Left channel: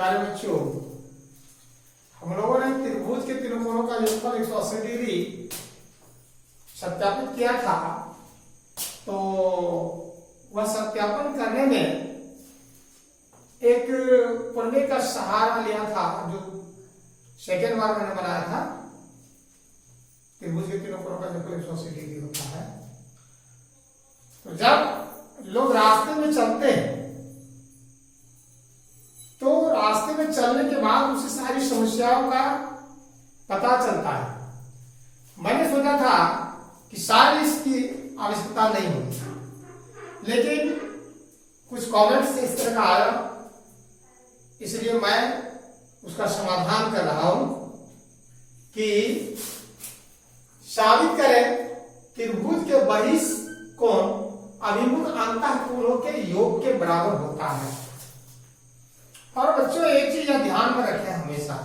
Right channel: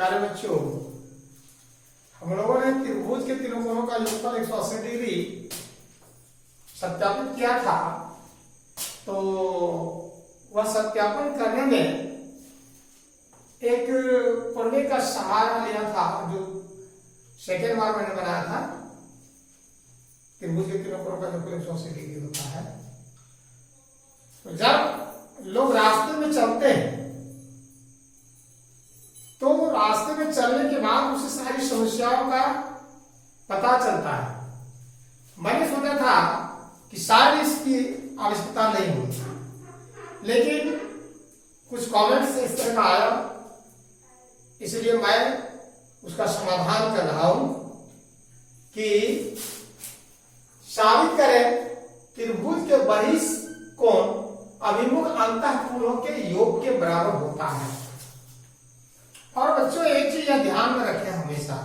प्यारे बच्चों, हम लोगों ने त्रिभुज के तीनों कोणों का योगफल 180 डिग्री सत्यापित किया था। तो वह सत्यापन करने में एक प्रमेय का सहारा लिया था, जो सेकेंड बार मैंने बनाया था। त्रिभुज के तीनों कोणों का योगफल 180 डिग्री होता है। तो जब लोग रास्ते में चलते हैं तो रास्ते में चलने के बाद उसे सारी समस्याओं का पता चलता है। मैंने सोचा था कि शायद इसकी आवश्यकता नहीं होगी, लेकिन कुछ कमेंट्स इस तरह का आया, इसलिए मैं उसका समाधान कर रहा हूं कि साबित करें त्रिभुज के बहिष कोण अभिमुख अंतःकोणों के योग के बराबर होता है। और बच्चों, एक चीज यह ध्यान में रखें हमेशा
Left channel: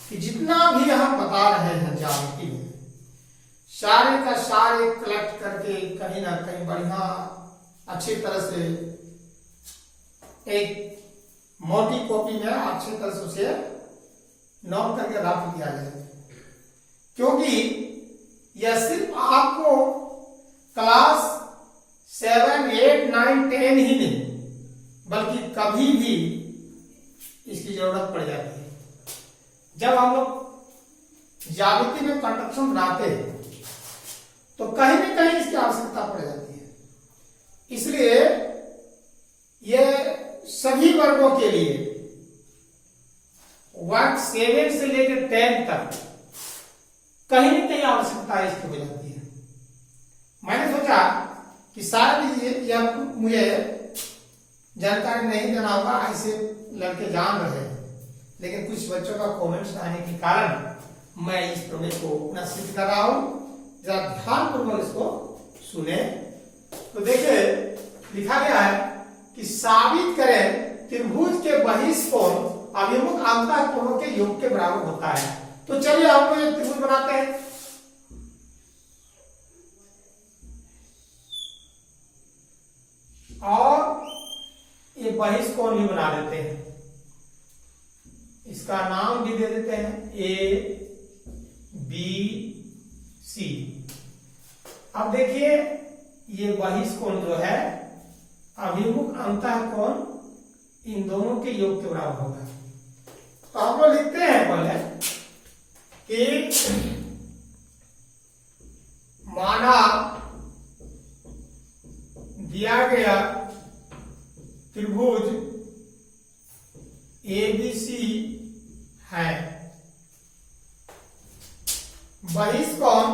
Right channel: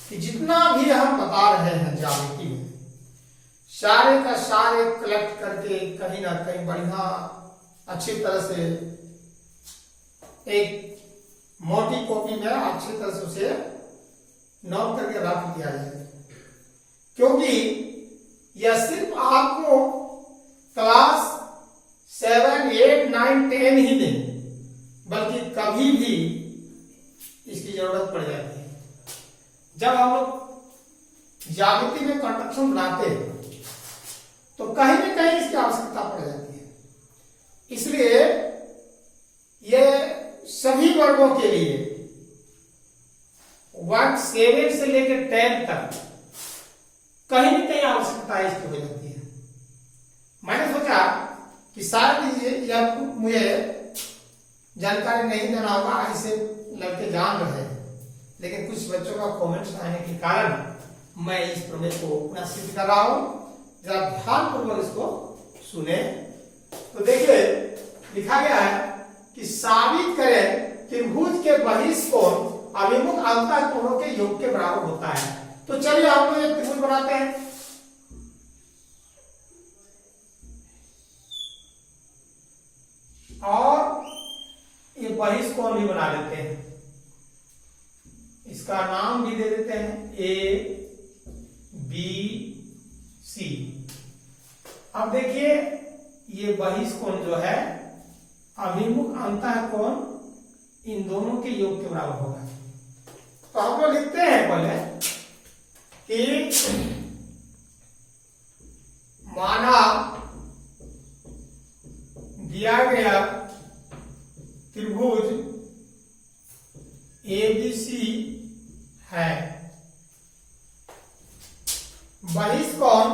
कि जितना भी हम बता रहे हैं ज्यामिति में, सारे का सारे कलेक्ट करके कहीं ना कहीं बढ़िया अच्छी तरह से एक मोटी कॉपी में अच्छी तरह से उसे नोट करके रख दिया जाए, क्योंकि यह सिर्फ आपको क्लास 7, 8, 9, 10 ही नहीं, बल्कि कभी भी इसकी जरूरत पड़ जाती है। जब हम लोग ज्यामिति में कंस्ट्रक्शन बनाते हैं तो कहीं न कहीं इसकी आवश्यकता पड़ जाती है। इसलिए यह सभी वर्गों के लिए वर्ग 7 से लेकर 10 तक कहीं न कहीं आवश्यकता इसकी हो जाती है। मैंने सोचा कि शायद यह मुझे जानकारी नहीं देना होगा, ऐसे लड़के जान रहे हैं, लेकिन कुछ बच्चों का कमेंट्स आने के कारण मैं इस प्रमेय को पुनः सिद्ध कर रहा हूं। जरा ध्यानपूर्वक इसको सुने। तो देखिए, लिखा गया है कि साबित करें त्रिभुज के बहिष कोण अभिमुख अंतःकोणों के योग के बराबर होता है। तो चलिए हम लोग एक त्रिभुज बनाते हैं। और ये बहिष कोण भी बना देते हैं, इसका नाम भी दे देते हैं ए बी सी। अब देखिए, ये बहिष कोण जो है अभिमुख अंतःकोण इन दोनों के योग के बराबर होगा। तो हम लोग लिखते हैं पहले कि माना दिया गया त्रिभुज ABC है, बहिष कोण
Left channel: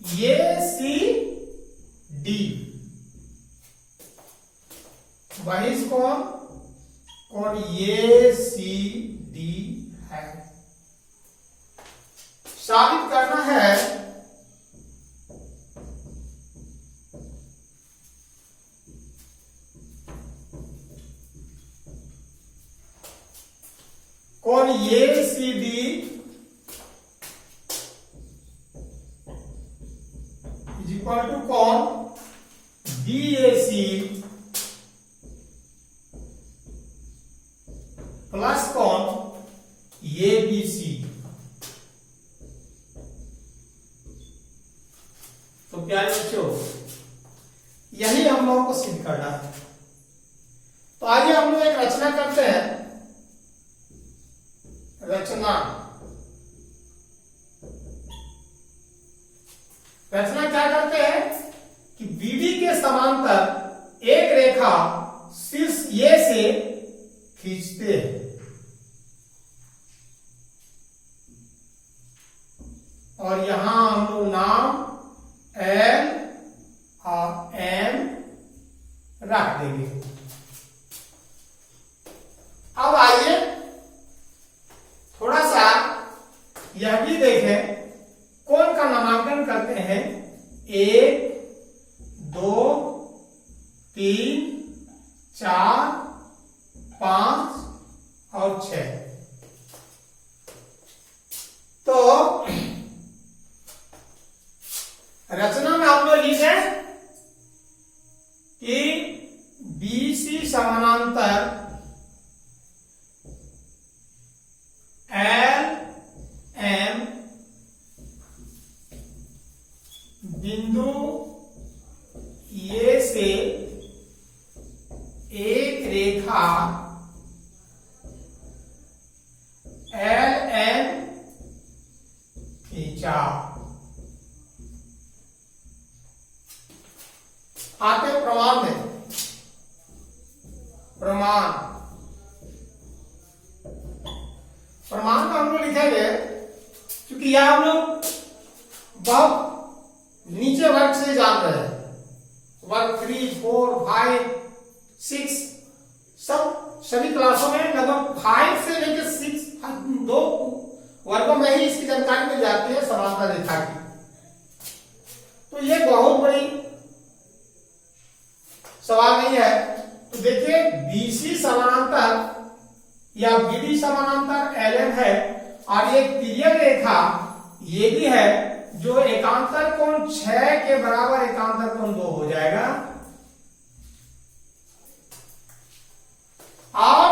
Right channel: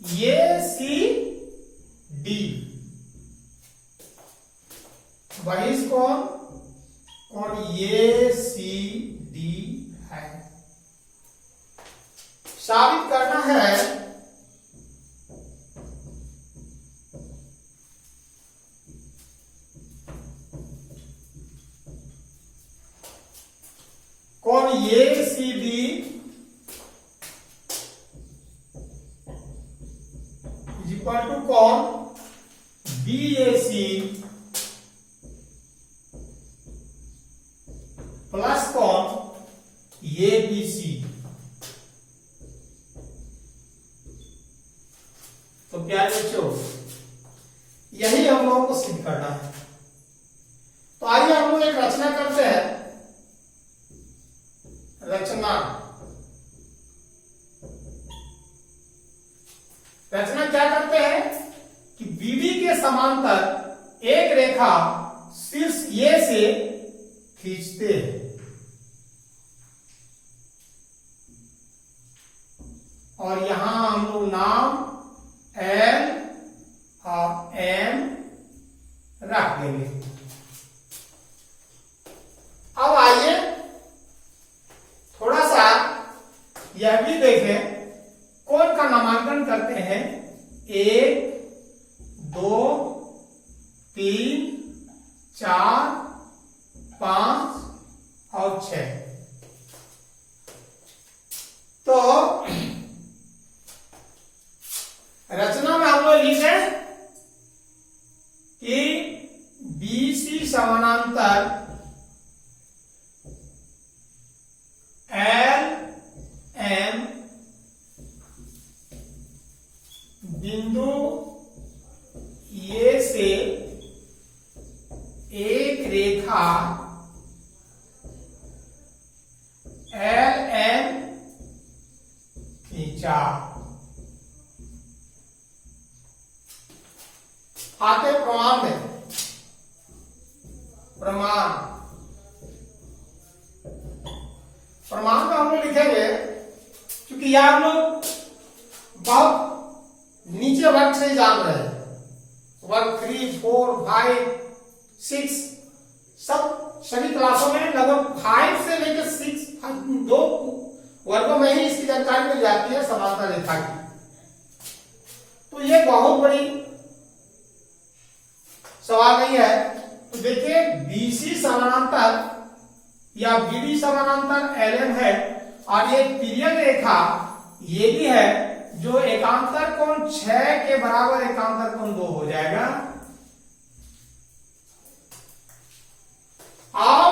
ACD, बहिष कोण ACD है। साबित करना है कोण ACD इज इक्वल टू कोण BAC प्लस कोण ABC। तो प्यारे बच्चों, यही हम लोगों को सिद्ध करना है। तो आइए हम लोग एक रचना करते हैं। रचना क्या करते हैं कि BD के समांतर एक रेखा शीर्ष A से खींचते हैं और यहां हम लोग नाम L और M रख देंगे। अब आइए थोड़ा सा यह भी देखें, कोण का नामांकन करते हैं 1, 2, 3, 4, 5 और 6। तो प्रमाण में, प्रमाण प्रमाण का हम लोग लिखेंगे, क्योंकि यह हम लोग बहुत नीचे वर्ग से जान रहे हैं। वर्ग 3, 4, 5, 6 सभी क्लासों में लगभग 5 से लेकर 6 दो वर्गों में ही इसकी जानकारी मिल जाती है समांतर रेखा की। तो ये बहुत बड़ी सवाल नहीं है। तो देखिए बीसी समानांतर या बीडी समानांतर एलएम है और ये तिर्यक रेखा ये भी है, जो एकांतर कोण 6 के बराबर एकांतर कोण 2 हो जाएगा। और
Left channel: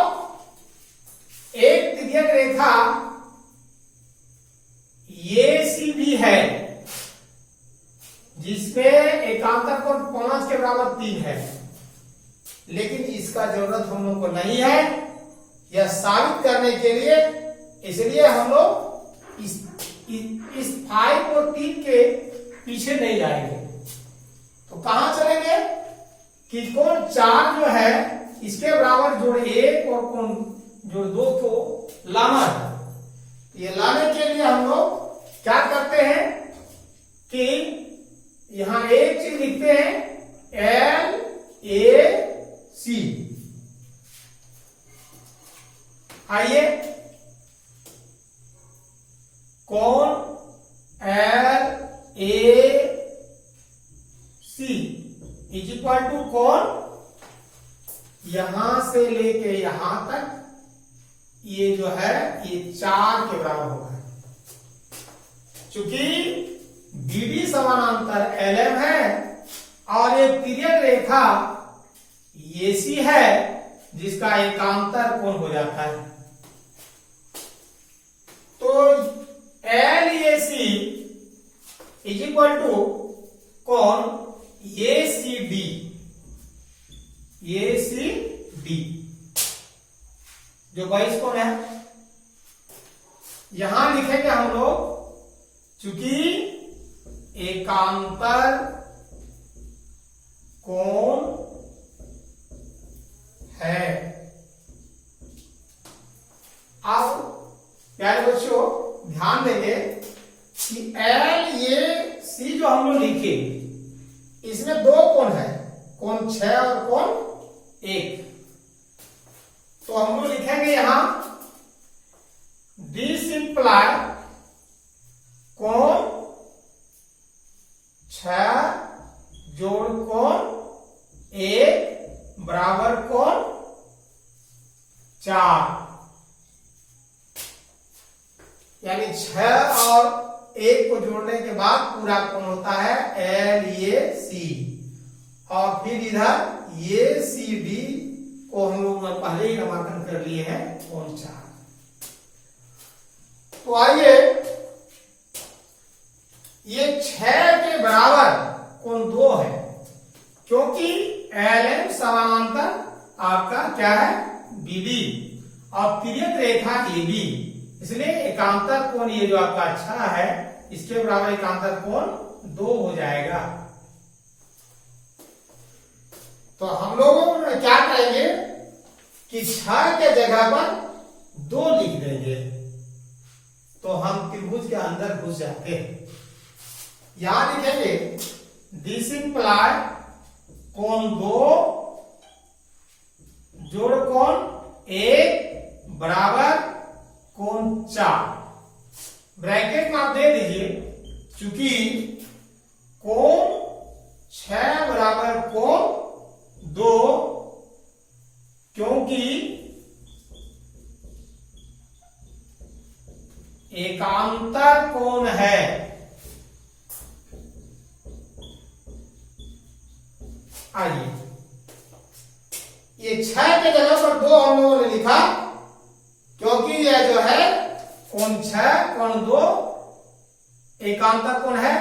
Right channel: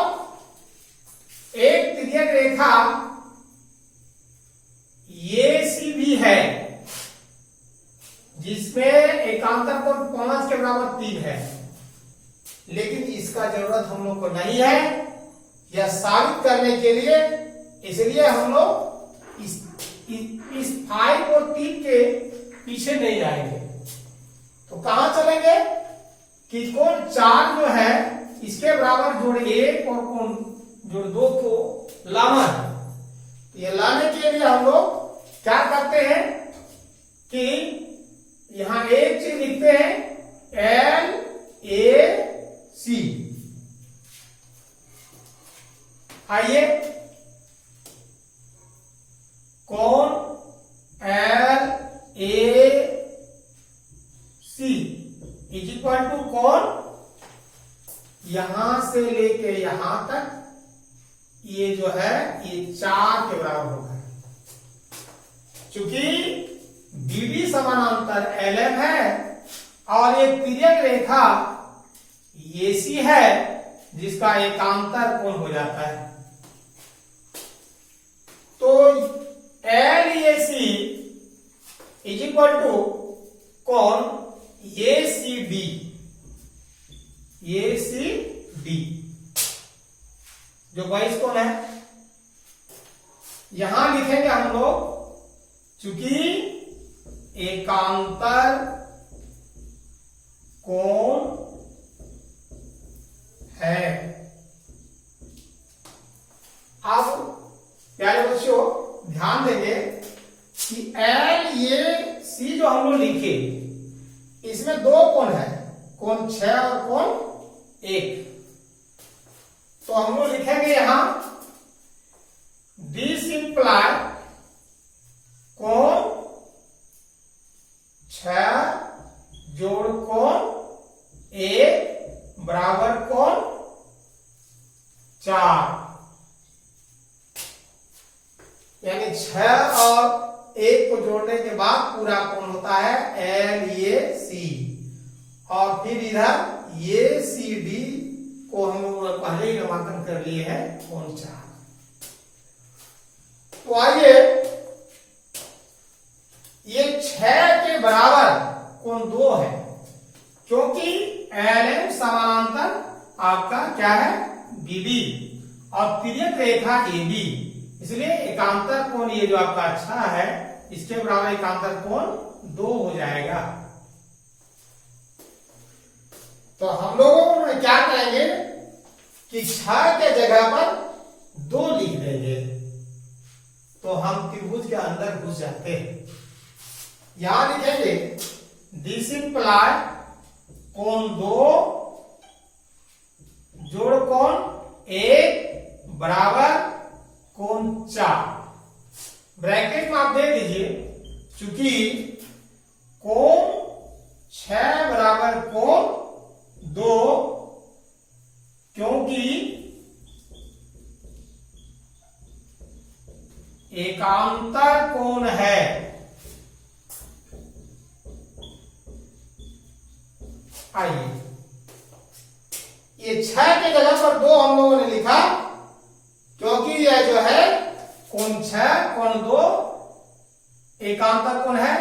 एक तिर्यक रेखा ये सी भी है, जिसमें एकांतर कोण 5 के बराबर 3 है, लेकिन इसका जरूरत हम लोग को नहीं है यह साबित करने के लिए। इसलिए हम लोग इस 5 और 3 के पीछे नहीं जाएंगे। तो कहां चलेंगे कि कोण 4 जो है इसके बराबर जोड़ 1 और कोण जोड़ 2 को लाना है। ये लाने के लिए हम लोग क्या करते हैं कि यहां एक चीज लिखते हैं एल ए सी। आइए कोण L A C is equal to कोण यहां से लेके यहां तक, ये जो है ये 4 के बराबर होगा। चूंकि बीडी समानांतर एलएम है और ये तिर्यक रेखा एसी है, जिसका एकांतर कोण हो जाता है। तो L A C is equal to कोण A C D, A C D जो 22 कोण है। यहां लिखेंगे हम लोग, चूंकि एकांतर कोण है। अब प्यारे बच्चों ध्यान देंगे कि एल ए सी जो हम लोग लिखे, इसमें 2 कोण है, कोण 6 और कोण 1। तो हम लोग लिखेंगे यहां दिस इंप्लाई कोण 6 जोड़ कोण 1 बराबर कोण 4, यानी 6 और 1 को जोड़ने के बाद पूरा कोण होता है एल ए सी। और फिर इधर ए सी डी को हम लोग पहले ही नामांकन कर लिए हैं कोण 4। तो आइए ये 6 के बराबर कोण 2 है, क्योंकि एलएम समानांतर आपका क्या है बीडी और तिर्यक रेखा एबी, इसलिए एकांतर कोण ये जो आपका अच्छा है इसके बराबर एकांतर कोण 2 हो जाएगा। तो हम लोगों में क्या करेंगे कि 6 के जगह पर 2 लिख देंगे, तो हम त्रिभुज के अंदर घुस जाते हैं। यहां लिखेंगे दिस इंप्लाई कोण 2 जोड़ कोण 1 बराबर कोण 4। ब्रैकेट में आप दे दीजिए, चूंकि कोण 6 बराबर कोण 2, क्योंकि एकांतर कोण है। आइए ये 6 के जगह पर 2 हम लोगों ने लिखा, क्योंकि यह जो है कोण 6 कोण 2 एकांतर कोण है,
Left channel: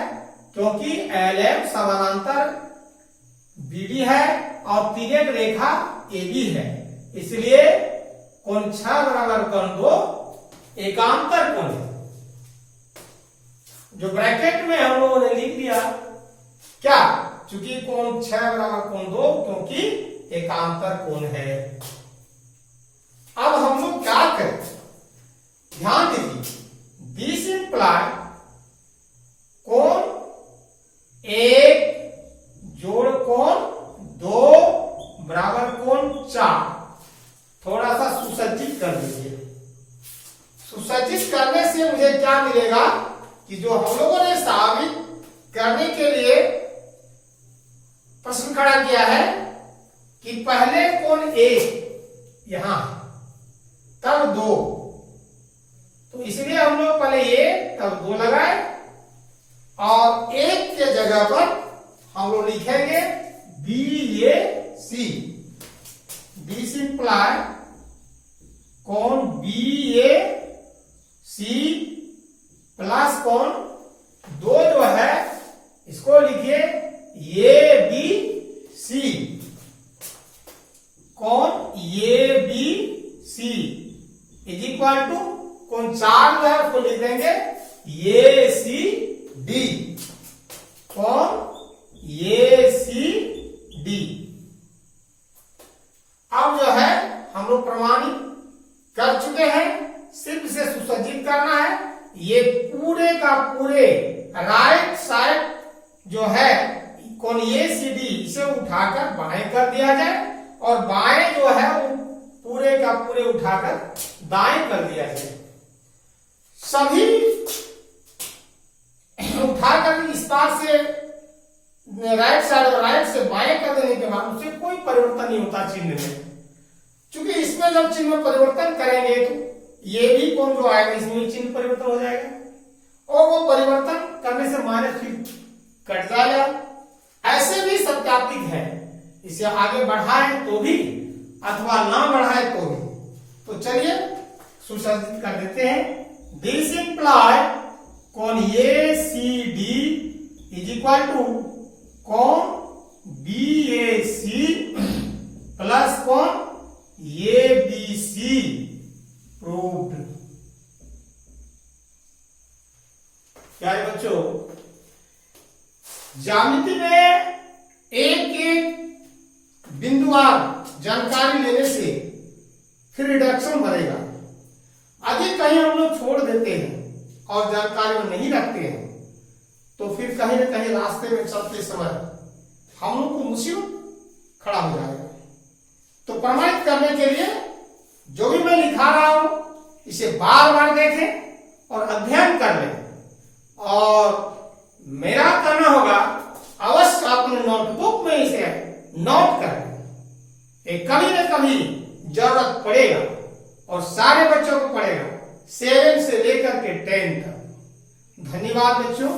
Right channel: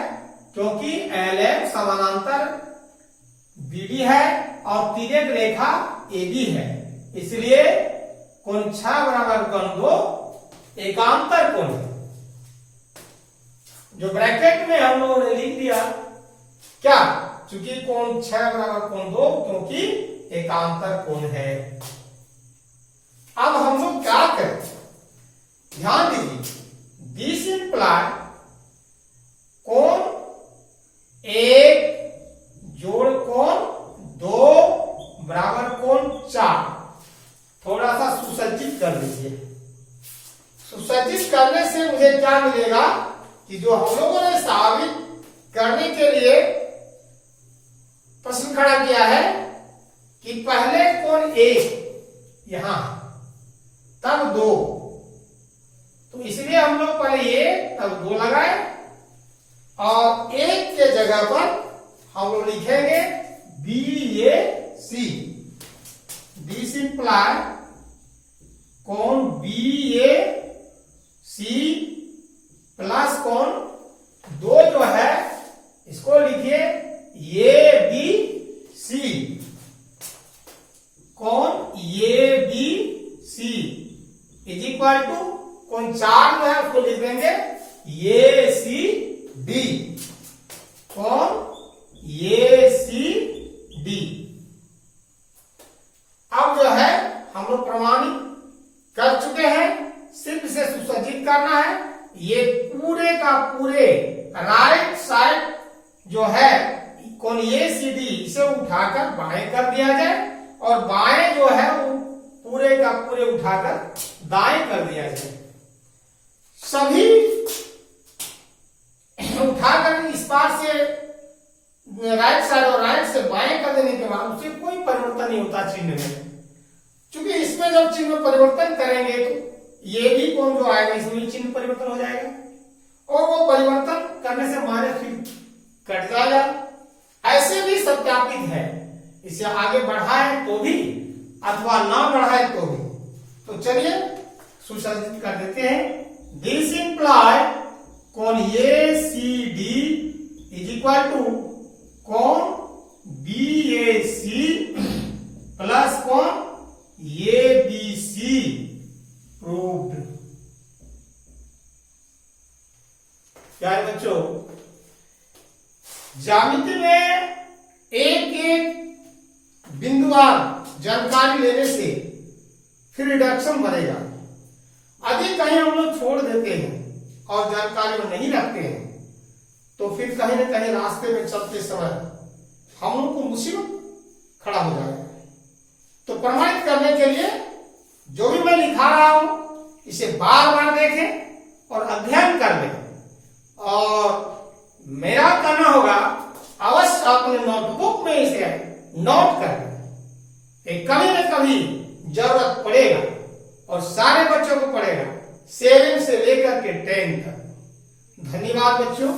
क्योंकि एलएम समानांतर बीडी है और तिर्यक रेखा एबी है, इसलिए कोण 6 बराबर कोण 2 एकांतर कोण है। जो ब्रैकेट में हम लोगों ने लिख दिया क्या, चूंकि कोण 6 बराबर कोण 2, क्योंकि एकांतर कोण है। अब हम लोग क्या करें, ध्यान दीजिए, दिस इंप्लाई कोण 1 जोड़ कोण 2 बराबर कोण 4। थोड़ा सा सुसज्जित कर लीजिए। सुसज्जित करने से मुझे क्या मिलेगा कि जो हम लोगों ने साबित करने के लिए प्रश्न खड़ा किया है कि पहले कोण 1 यहां, तब 2, तो इसलिए हम लोग पहले 1 तब 2 लगाए और 1 के जगह पर हम लोग लिखेंगे BAC। दिस इंप्लाई कोण BAC प्लस कोण 2 जो है इसको लिखिए ABC। कोण ABC इज इक्वल टू कोण 4 जो है उसको लिख देंगे ACD। कोण ACD अब जो है हम लोग प्रमाणित कर चुके हैं, सिर्फ इसे सुसज्जित करना है। ये पूरे का पूरे राइट साइड जो है कोण ACD इसे उठाकर बाएं कर दिया जाए और बाएं जो है वो पूरे का पूरे उठाकर दाएं कर दिया जाए। सभी उठाकर इस पार से राइट साइड और राइट से बाएं कर देने के बाद उससे कोई परिवर्तन नहीं होता चिन्ह में, क्योंकि इसमें जब चिन्ह में परिवर्तन करेंगे तो ये भी कोण जो आएगा इसमें चिन्ह परिवर्तन हो जाएगा और वो परिवर्तन करने से माइनस फिर कट जाएगा। ऐसे भी सत्यापित है, इसे आगे बढ़ाए तो भी अथवा ना बढ़ाए तो भी। तो चलिए सुसज्जित कर देते हैं। दिस इंप्लाई कोण ACD इज इक्वल टू कोण BAC प्लस कोण ABC प्रूव्ड। प्यारे बच्चों, ज्यामिति में एक एक बिंदुवार जानकारी लेने से फिर रिडक्शन बनेगा। अधिक कहीं हम लोग छोड़ देते हैं और जानकारी में नहीं रखते हैं तो फिर कहीं न कहीं रास्ते में चलते समय हम लोग को मुसीबत खड़ा हो जाएगा। तो प्रमाणित करने के लिए जो भी मैं लिखा रहा हूं इसे बार बार देखें और अध्ययन कर लें और मेरा करना होगा अवश्य अपने नोटबुक में इसे नोट कर लें। कभी न कभी जरूरत पड़ेगा और सारे बच्चों को पड़ेगा, 7 से लेकर के 10 तक। धन्यवाद बच्चों।